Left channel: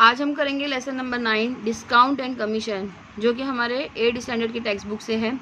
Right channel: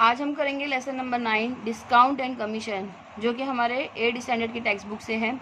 आज हम करेंगे lesson number 9 discount and commission, जो कि हमारे 8 स्टैंडर्ड की टेक्स्ट बुक से है।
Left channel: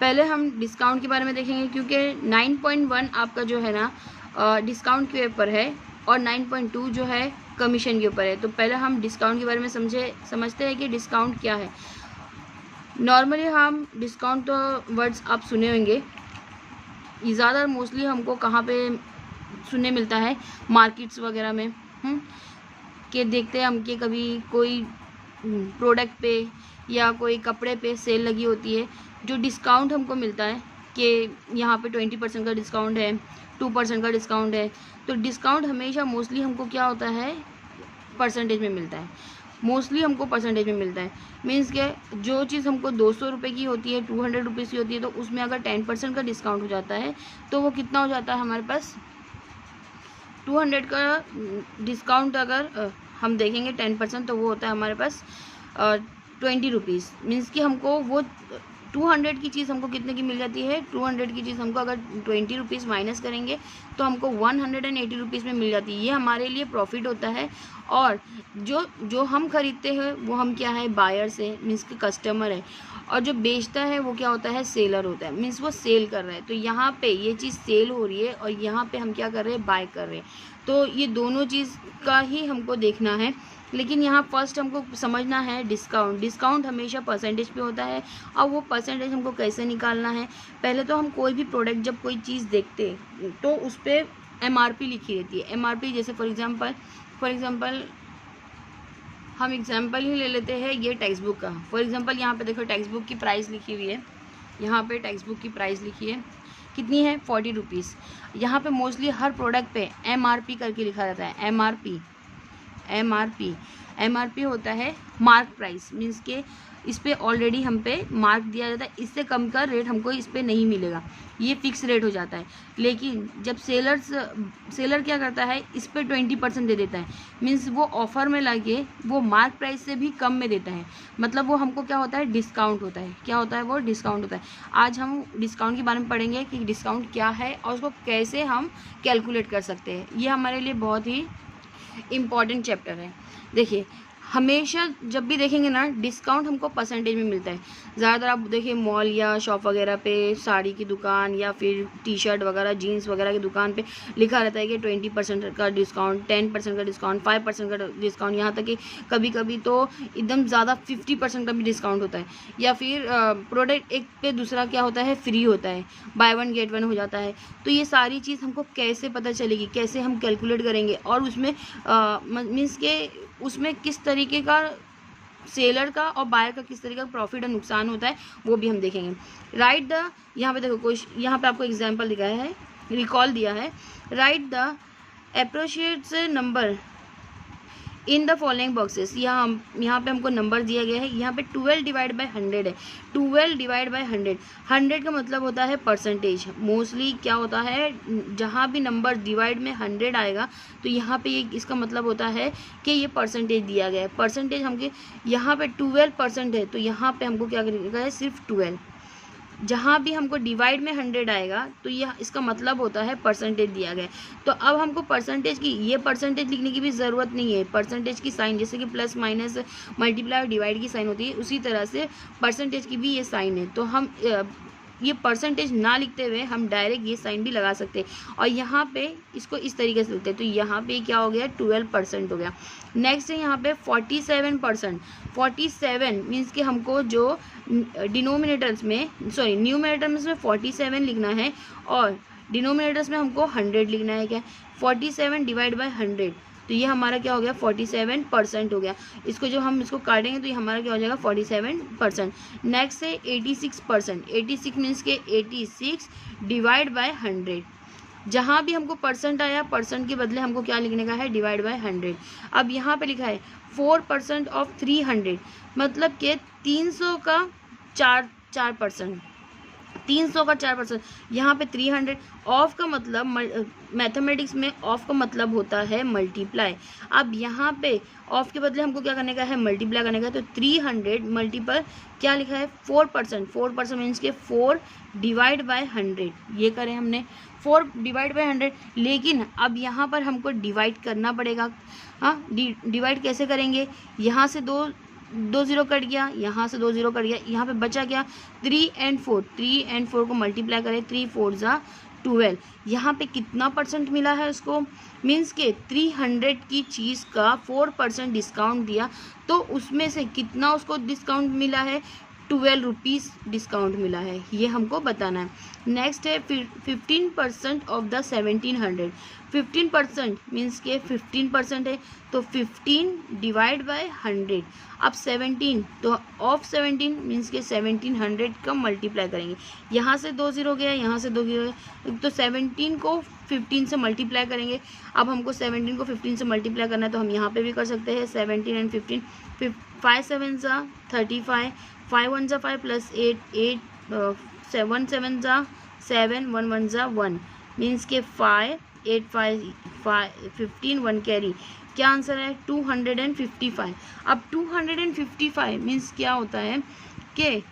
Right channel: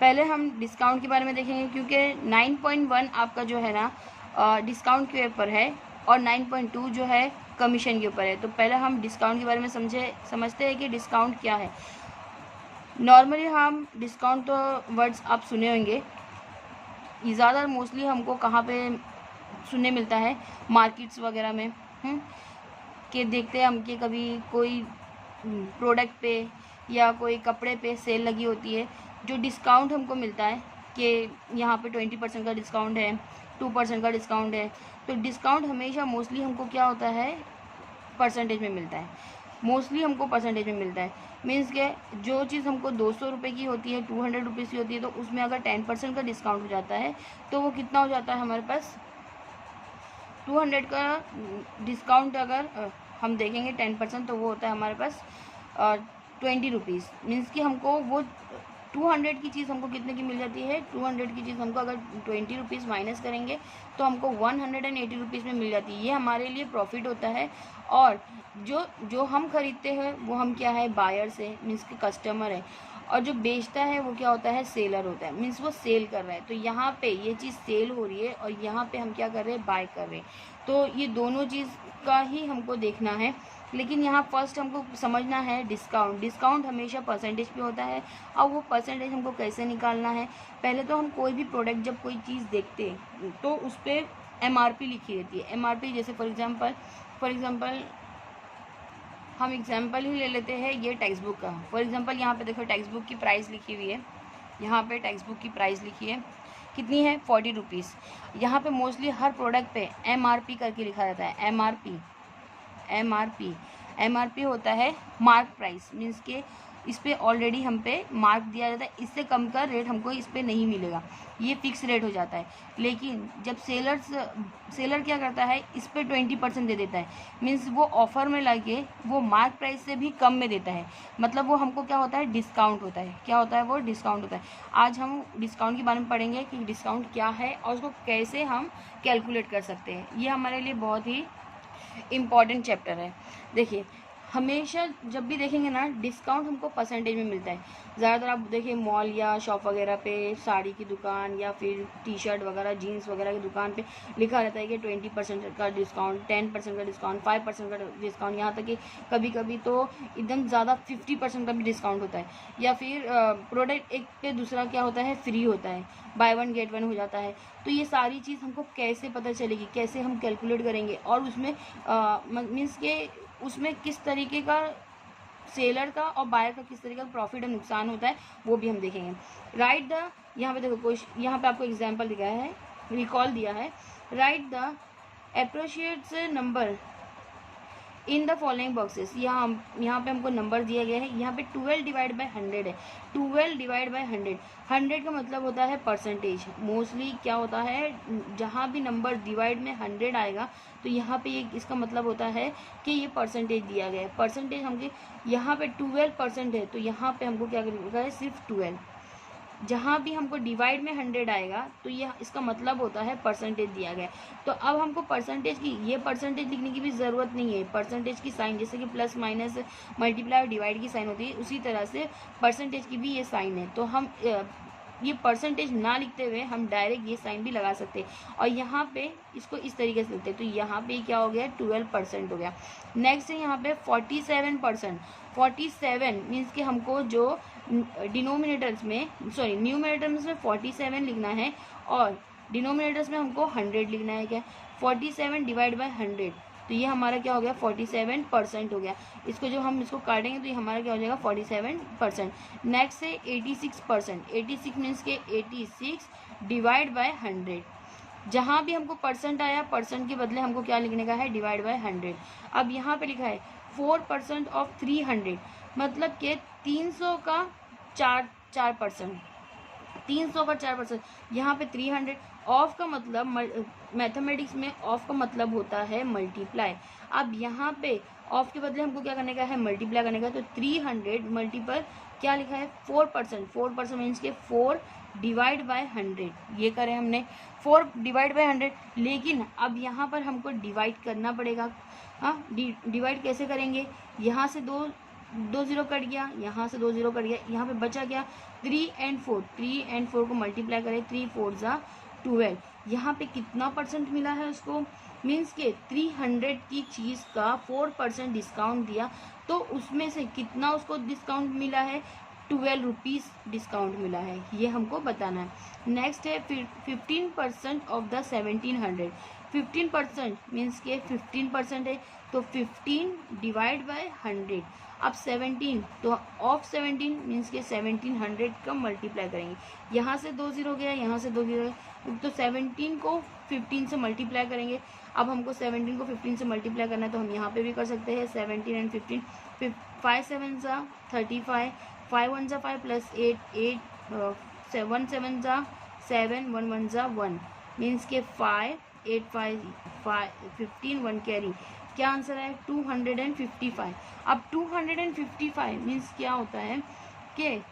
पहले हम डिस्काउंट के बारे में देखेंगे, क्योंकि 9.1 आपका जो है ना डिस्काउंट के ऊपर है और 9.2 जो है कमीशन के ऊपर है। तो पहले हम डिस्काउंट के बारे में समझते हैं कि डिस्काउंट क्या है। नॉर्मली हम डिस्काउंट तो वर्ड्स आप सुने होंगे, ज़्यादा मोस्टली हमको कहाँ पे सुनने मिलता है, मार्केट्स वगैरह में कि देखते हैं हम कि कभी कोई प्रोडक्ट पे या कोई कपड़े पे सेल लगी होती है, जो डिस्काउंट हमको मिलता है कि यहाँ पे 20% का डिस्काउंट है, 2% का डिस्काउंट है। तो डिस्काउंट हमेशा मोस्टली हमको क्या होता है, परसेंटेज में मिलता है। मोस्टली हमको परसेंटेज में मिलता है, मीन्स के जो चीज़ हमको 200 रुपये की होती है, 200 रुपीज़ की होती है, तो उसमें अगर 10% का डिस्काउंट हो जाता है तो वो कितना हो जाता है हमारे पास, 200 का डिस्काउंट अगर हम देखेंगे 10%, तो वो होता है हमारे पास 20 रुपीज़। मीन्स कि हमको वो 200 की चीज़ हमको कितने की मिल जाती है, 200 की चीज़ हमको अगर 20 रुपीज़ माइनस करेंगे तो हमको 180 रुपीज़ में मिल जाती है। ये हमारे लिए प्रॉफिट होता है। और जो हम खरीदते हैं वो हम क्या है, बायर्स है, मीन्स कि कस्टमर है। और जो बेचता है वो क्या होता है, सेलर होता है, मीन्स वो सेल कर रहा है। तो यहाँ पे ये चीज़ सेल हो रही है और यहाँ पे हम क्या कर रहे हैं, बाय कर रहे हैं। तो ये दोनों चीज़ का ही हमको देखना है। लेकिन यहाँ फर्स्ट हमको समझना है डिस्काउंट। डिस्काउंट हमेशा परसेंटेज पे होता है और वो परसेंटेज हमको कैसे निकालना है। पहले तो हम कोई भी प्रोडक्ट, जब कोई चीज़ देखते हैं तो उस पर MRP लिखी रहती है। MRP जैसे फॉर एग्ज़ाम्पल हम एग्जाम्पल ही ले लेते हैं ये टेक्स्ट बुक का। फॉर एग्जाम्पल यहाँ पे देखो टेक्स्ट बुक की प्राइस लिखी हुई है, यहाँ पे टेक्स्ट बुक की प्राइस लिखी है, कितनी है, 40 रुपीज़। यहाँ पे मोस्टली हर प्रोडक्ट पे MRP करके लिखा रहता है। MRP होता है मार्क प्राइस, मीन्स के इस पर ऑलरेडी हम पे मार्क दिया जाता है, इससे कम का रेट हमको इस पर नहीं मिलेगा, ये फिक्स रेट हो जाता है। लेकिन जब सेलर क्या करता है, इस पर 20% दे देता है, मीन्स वो ऑफ़र में लगे वो मार्क प्राइस से भी कम में देता है। मतलब वो हमको क्या होता है, डिस्काउंट होता है। क्या होता है, वो डिस्काउंट होता है। आज हम डिस्काउंट के बारे में पढ़ेंगे कि डिस्काउंट क्या है और उसको कैसे हम कैलकुलेट कर सकते हैं। ये हमारे लिए बहुत ही इम्पॉर्टेंट चैप्टर है। देखिए, हमेशा जब भी देखेंगे ना, डिस्काउंट हमको परसेंटेज में मिलता है। ज़्यादातर आप देखिए मॉल या शॉप वगैरह पे, साड़ी की दुकान या फिर टी-शर्ट वगैरह, जीन्स वगैरह की दुकान पे लिखा रहता है कि 20% का डिस्काउंट, 10% का डिस्काउंट, 5% का डिस्काउंट, यहाँ तक कि कभी कभी तो एकदम ज़्यादा 50% का भी डिस्काउंट होता है। या फिर प्रोडक्ट एक पे दूसरा क्या होता है, फ्री होता है, बाय 1 गेट 1 हो जाता है। तो ये सारी चीज़ हमको कैसे पता चलेगी, कैसे हम कैलकुलेट करेंगे, और उसमें मीन्स के उसमें किस तरीके का सेलर का और बायर का किस तरीके का प्रॉफिट और नुकसान होता है, वो भी हम देखेंगे। राइट द, यहाँ पे देखो कुछ, यहाँ पे आपको एग्जांपल दिखाया है, रिकॉल दिया है। Right the appropriate number in the following boxes. यहाँ पे हमको नंबर दिया गया है। यहाँ पे 12 डिवाइड बाय 100 है। 12 डिवाइड बाय 100, 100 का मतलब होता है परसेंटेज। मोस्टली क्या होता है, जहाँ भी नंबर डिवाइड में 100 आएगा तो यहाँ पे ये इसका मतलब होता है कि ये परसेंटेज दिया गया है। परसेंटेज हमके यहाँ पे 12% है, तो यहाँ पे हमको क्या करेगा है, सिर्फ 12। जहाँ भी हमको डिवाइड में 100 आएगा तो यह इसका मतलब होता है परसेंटेज दिया गया है। तो अब हमको परसेंटेज की, ये परसेंटेज लिखने की भी ज़रूरत नहीं है। परसेंटेज की साइन, जैसे कि प्लस माइनस मल्टीप्लाई और डिवाइड की साइन होती है, उसी तरह से परसेंटेज की भी ये साइन है। तो हम ये परसेंटेज ना लिखते हुए हम डायरेक्ट ये साइन भी लगा सकते हैं और यहाँ पे इसको इस तरीके से लिखते हैं। तो यहाँ पे क्या हो गया, 12% हो गया। नेक्स्ट है यहाँ पे 47%। 47 मीन्स कि हमको जो डिनोमिनेटर्स में, सॉरी न्यूमरेटर्स में 47 लिखना है और डिनोमिनेटर्स में हमको 100 लिखना है। क्या, 47 डिवाइड बाय 100, तो ये हमारा क्या हो गया, 47% हो गया। इसको जब हम इसको काटेंगे तो ये हमारा क्या हो जाएगा, 47%। नेक्स्ट है 86%। 86 मीन्स के 86 डिवाइड बाय 100। जहाँ भी हमको परसेंट आया, परसेंट के बदले हमको क्या लिखने का है, डिवाइड बाय 100। अब यहाँ पे लिखा है 4% ऑफ 300, मतलब कि 300 का 4%, 300 का 4%। यहाँ पे 300 ऑफ का मतलब, मैथमेटिक्स में ऑफ का मतलब होता है मल्टीप्लाई। अब यहाँ पे ऑफ के बदले हमको क्या करने का है, मल्टीप्लाई करने का है। तो 300 मल्टीपल क्या लिखा है, 4%। 4% मीन्स के 4 डिवाइड बाय 100, ये करें हमने। 4 डिवाइड बाय 100, लेकिन अब यहाँ पर हमको डिवाइड करना पड़ेगा। हाँ, डिवाइड कैसे करेंगे, यहाँ से दो ज़ीरो कट गया, यहाँ से 2 ज़ीरो कट गया, यहाँ पे बचा क्या 3 and 4, 3 and 4 को मल्टीप्लाई करें, 3 4 ज़ा 12। यहाँ पे कितना परसेंट मिला है उसको, मीन्स के 300 की चीज़ का 4% डिस्काउंट दिया, तो उसमें से कितना उसको डिस्काउंट मिला है, 12 रुपीज़ डिस्काउंट मिला है, ये हमको बताना है। नेक्स्ट है 15% ऑफ द 1700, 15% मीन्स के 15% है, तो 15 डिवाइड बाय 100। अब 17, तो ऑफ 17 मीन्स के 1700 का मल्टीप्लाई करेंगे, यहाँ से 2 ज़ीरो गया, यहाँ से 2 ज़ीरो गया, तो 17 को 15 से मल्टीप्लाई करेंगे। अब हमको 17 को 15 से मल्टीप्लाई करना है, तो हम यहाँ पे भी कर सकते हैं 17 and 15, 5 7 ज़ा 35, 5 1 ज़ा 5 प्लस 8 7 7 ज़ा 7, 1 1 ज़ा 1, मीन्स के 5 8 5 15 1 कैरी, क्या आंसर है 255। अब 255 मीन्स क्या होता है कि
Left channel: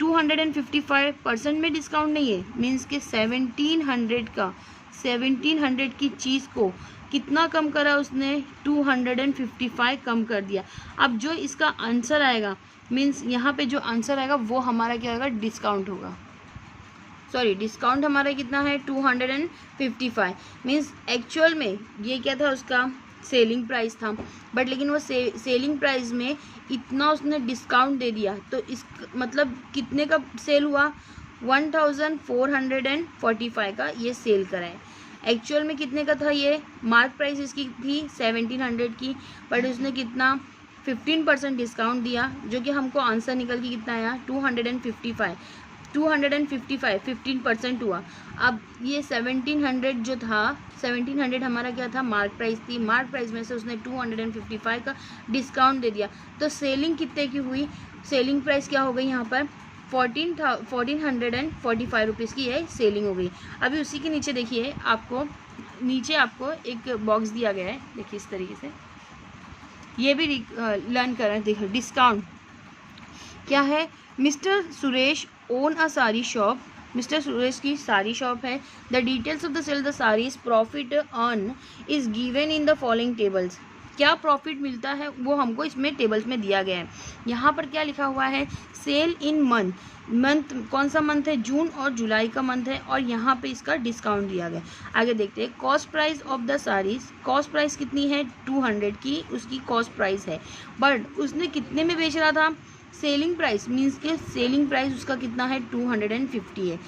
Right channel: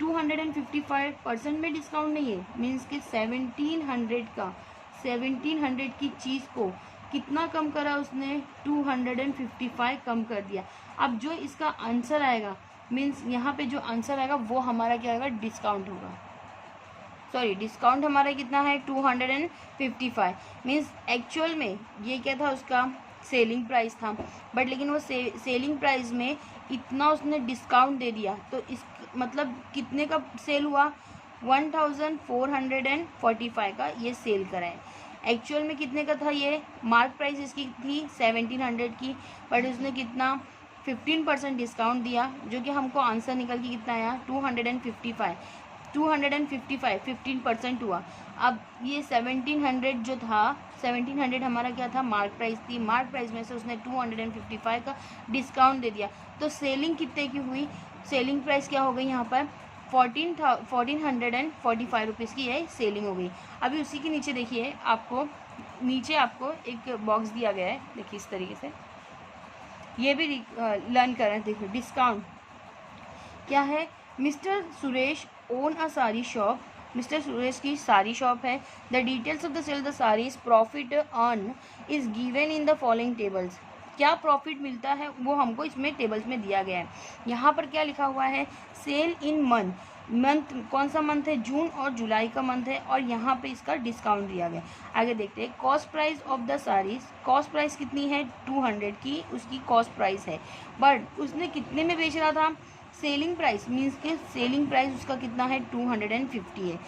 255% में डिस्काउंट नहीं है, मीन्स के 1700 की चीज़ को कितना कम करा उसने, 255 कम कर दिया। अब जो इसका आंसर आएगा, मीन्स यहाँ पे जो आंसर आएगा वो हमारा क्या आएगा, डिस्काउंट होगा। सॉरी, डिस्काउंट हमारा कितना है 255, मीन्स एक्चुअल में ये क्या था, उसका सेलिंग प्राइस था, बट लेकिन वो सेलिंग प्राइस में इतना उसने डिस्काउंट दे दिया, तो इस मतलब कितने का सेल हुआ, 1445 का ये सेल करा है। एक्चुअल में कितने का था, ये मार्क प्राइस इसकी थी 1700 की, बट उसने कितना 15% डिस्काउंट दिया, जो कि हमको आंसर निकल के कितना आया 255 15% हुआ। अब ये 1700 जो था, 1700 हमारा क्या था, मार्क प्राइस थी, मार्क प्राइस में से उसने 255 का डिस्काउंट दे दिया, तो सेलिंग कितने की हुई, सेलिंग प्राइस क्या हो गई यहाँ पर 1445 रुपीज़ की है सेलिंग हो गई। अभी उसी के नीचे देखिए, नीचे आपको एक बॉक्स दिया गया है, देखिए इस तरीके से, ये भी लर्न कर रहे हैं। देखिए डिस्काउंट क्या है, mister Suresh own a sari shop, mister Suresh की साड़ी शॉप है, the details of the sale the saris, profit earn is given in the following tables. क्या प्रॉफिट मिलता है वो हमको इसमें टेबल्स में दिया गया है। यहाँ पर क्या लिखा हुआ है, सेल इन मंथ, कौन सा मंथ है, जून और जुलाई का मंथ है, और यहाँ पे इसका डिस्काउंट दिया गया। आगे देखते हैं, cost price of the saris, cost price कितनी है 200 की उसकी कॉस्ट प्राइस है, बट उसने कितने में बेच रहा था, सेलिंग प्राइस मीन्स के सेलिंग प्राइस उसका कितना है 250 है।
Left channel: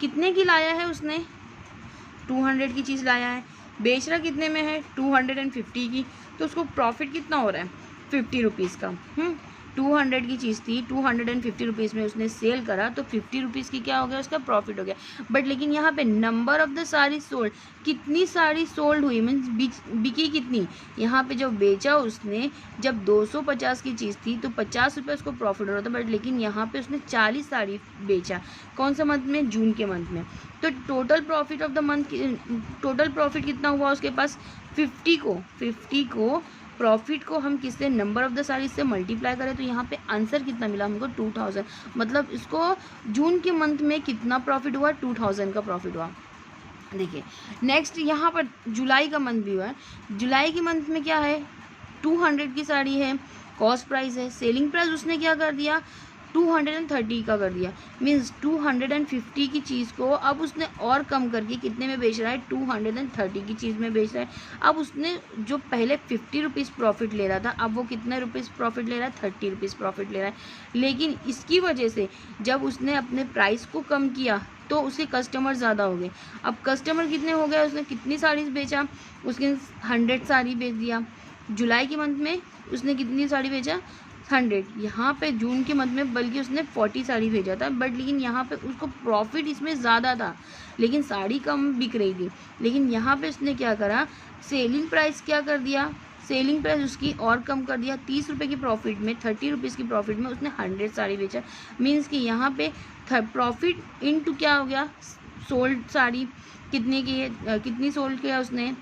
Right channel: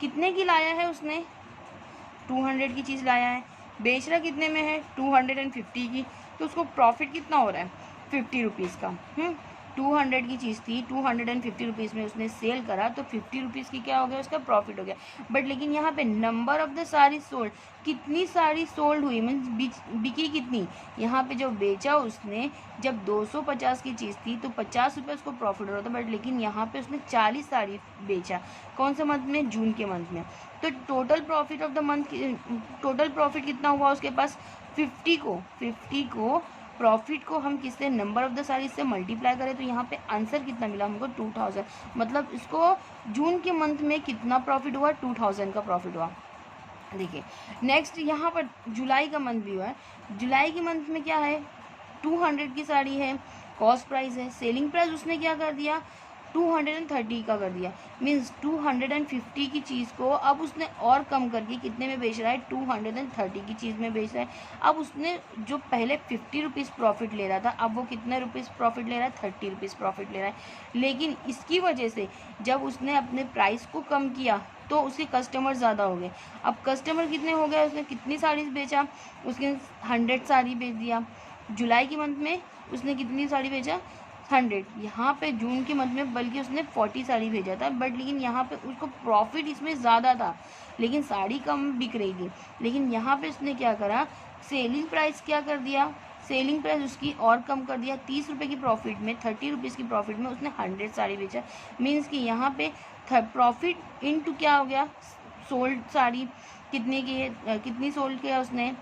कितने की लाया है उसने, 200 की चीज़ लाया है, बेच रहा कितने में है 250 की, तो उसको प्रॉफिट कितना हो रहा है 50 रुपीज़ का। 200 की चीज़ थी, 250 रुपीज़ में उसने सेल करा, तो 50 रुपीज़ की क्या हो गया, उसका प्रॉफिट हो गया। बट लेकिन यहाँ पे number of the sari sold, कितनी साड़ी सोल्ड हुई, मीन्स बिकी कितनी, यहाँ पे जो बेचा उसने, जब 250 की चीज़ थी तो 50 रुपये उसको प्रॉफिट हो रहा था, बट लेकिन यहाँ पे उसने 40 साड़ी बेचा, कौन सा मंथ में, जून के मंथ में, तो total profit of the month, total profit कितना हुआ उसके पास 50 को प्रॉफिट को हम किससे, नंबर ऑफ द साड़ी से मल्टीप्लाई करें, तो यहाँ पे आंसर कितना मिला हमको 2000, मतलब इसको जून के मंथ में कितना प्रॉफिट हुआ, 2000 का प्रॉफिट हुआ। देखिए नेक्स्ट यहाँ पर जुलाई का मंथ भी हुआ है, जुलाई के मंथ में क्या है 200 की साड़ी है, कॉस्ट प्राइस है, सेलिंग प्राइस उसने क्या कर दिया 230 का कर दिया, मीन्स 250 की चीज़ को अब उसने और कम करके कितने में बेच रहा है 230 की चीज़ में बेच रहा है। अब उसने जो पहले 50 रुपीज़ प्रॉफिट ले रहा था, अब वो कितने रुपीज़ प्रॉफिट ले रहा है 30 रुपीज़ प्रॉफिट ले रहा है। लेकिन इसकी वजह से जब उसने अपने प्राइस को कम किया तो उसके कस्टमर ज़्यादा हो गए। अब कस्टमर कितने हो गए, उसने कितनी साड़ीज़ बेचा, उसने 100 साड़ी बेच दिया। जुलाई के मंथ में उसने कितनी साड़ी बेचा 100, यहाँ पे जून के मंथ में बल्कि उसने 40 साड़ी भेजा था, बट लेकिन यहाँ पे उसको प्रॉफिट इसमें ज़्यादा था, लेकिन साड़ी कम बिक रही थी। लेकिन यहाँ पे उसने क्या करा, सेलिंग प्राइस क्या कर दिया, सेलिंग प्राइस उसकी और कम कर दिया, 30 रुपये की प्रॉफिट में, 30 रुपीज़ की प्रॉफिट में उसने 100 साड़ी बेचा। मीन्स कि यहाँ पे प्रॉफिट इनटू क्या हो गया, सोल्ड साड़ी कितने की है, कितनी सोल्ड किया उसने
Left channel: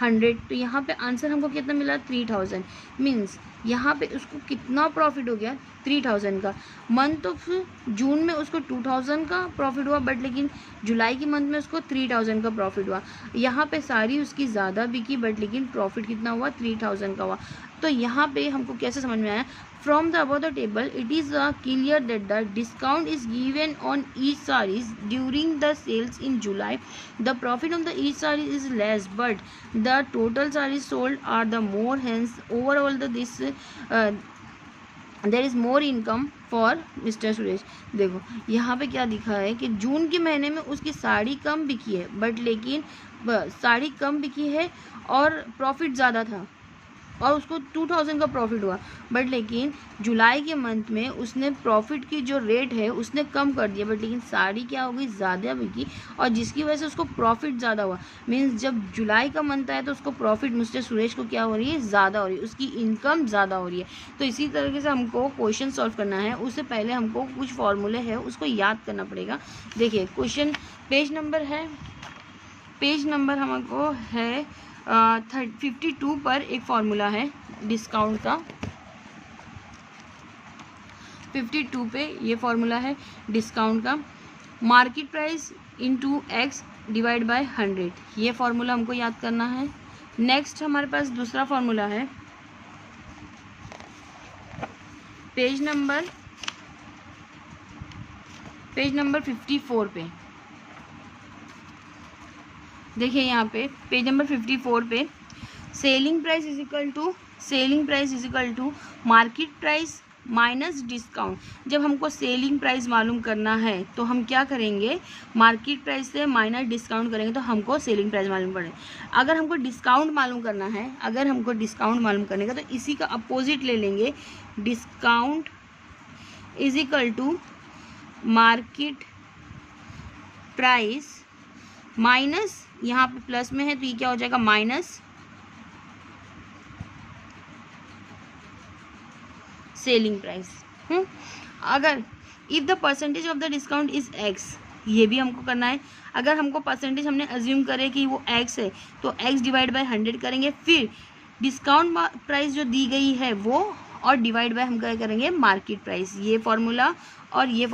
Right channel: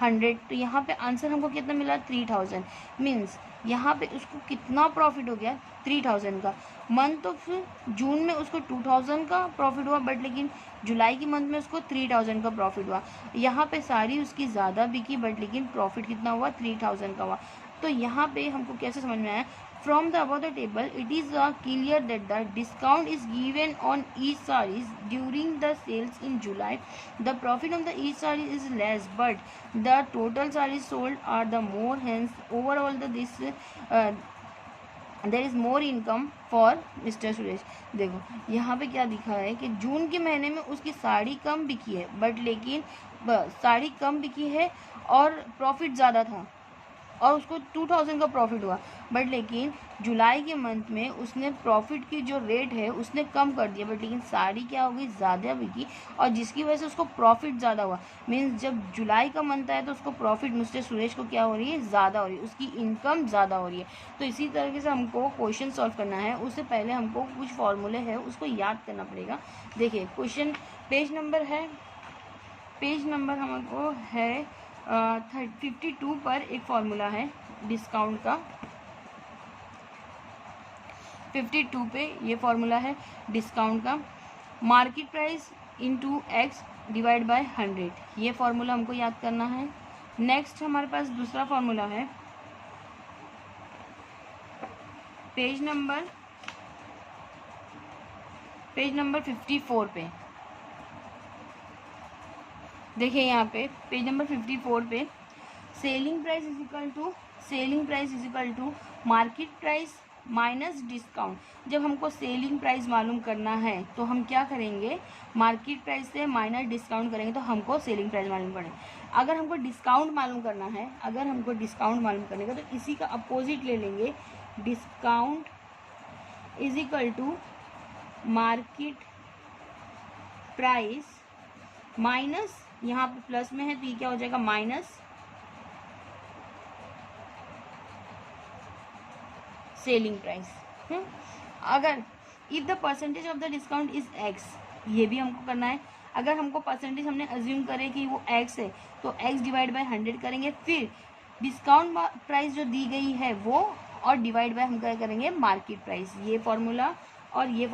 100, तो यहाँ पे आंसर हमको कितना मिला 3000। मीन्स यहाँ पे उसको कितना प्रॉफिट हो गया 3000 का। मंथ ऑफ जून में उसको 2000 का प्रॉफिट हुआ, बट लेकिन जुलाई की मंथ में उसको 3000 का प्रॉफिट हुआ। यहाँ पे साड़ी उसकी ज़्यादा बिकी, बट लेकिन प्रॉफिट कितना हुआ, 3000 का हुआ। तो यहाँ पे हमको कैसे समझ में आया, from the above the table it is clear that the discount is given on each saris during the sales in July. The profit of the each sari is less, but the total saris sold are the more, hence overall the this there is more income for mister Suresh. देखो यहाँ पे क्या दिखा है कि जून के महीने में उसकी साड़ी कम बिकी है, बट लेकिन साड़ी कम बिकी है और प्रॉफिट ज़्यादा था और उसको 2000 का प्रॉफिट हुआ, बट लेकिन जुलाई के मंथ में उसने प्रॉफिट की जो रेट है उसने कम कर दिया, बट लेकिन साड़ी क्या हो गई, ज़्यादा बिकी, और जिसकी वजह से उसको प्रॉफिट ज़्यादा हुआ। मीन्स जब जुलाई का मंथ आया तो उसको प्रॉफिट मिस्टर सुरेश को क्या हो रही है, ज़्यादा हो रही है, उसकी इनकम ज़्यादा हो रही है। तो इसी तरीके से हमको क्वेश्चन सॉल्व करना है, उससे पहले हमको कुछ फॉर्मूले हैं उसको याद करना पड़ेगा। देखिए क्वेश्चन पेज नंबर हमको है 52 पर एक फॉर्मूला है डिस्काउंट का। 52 पे ये फॉर्मूला है डिस्काउंट का, market price into x divide by 100, ये फॉर्मूला हमको याद करना है। नेक्स्ट हमारे पास दूसरा फॉर्मूला है पेज नंबर 54 पे। देखिए यहाँ पे पेज नंबर 54 पे selling price is equal to market price minus discount. जब हमको सेलिंग प्राइस मालूम करना है तो हम क्या करेंगे, मार्केट प्राइस से माइनस डिस्काउंट करेंगे तो हमको सेलिंग प्राइस मालूम पड़े। अगर हमको डिस्काउंट मालूम करने का तो इसी का अपोजिट ले लेंगे, discount is equal to market price minus, यहाँ पे प्लस में है तो ये क्या हो जाएगा, माइनस सेलिंग प्राइस। अगर if the percentage of the discount is x, ये भी हमको करना है। अगर हमको परसेंटेज हमने अज्यूम करे कि वो एक्स है तो एक्स डिवाइड बाय 100 करेंगे, फिर डिस्काउंट प्राइस जो दी गई है वो, और डिवाइड बाय हम क्या करेंगे, मार्केट प्राइस। ये फॉर्मूला और ये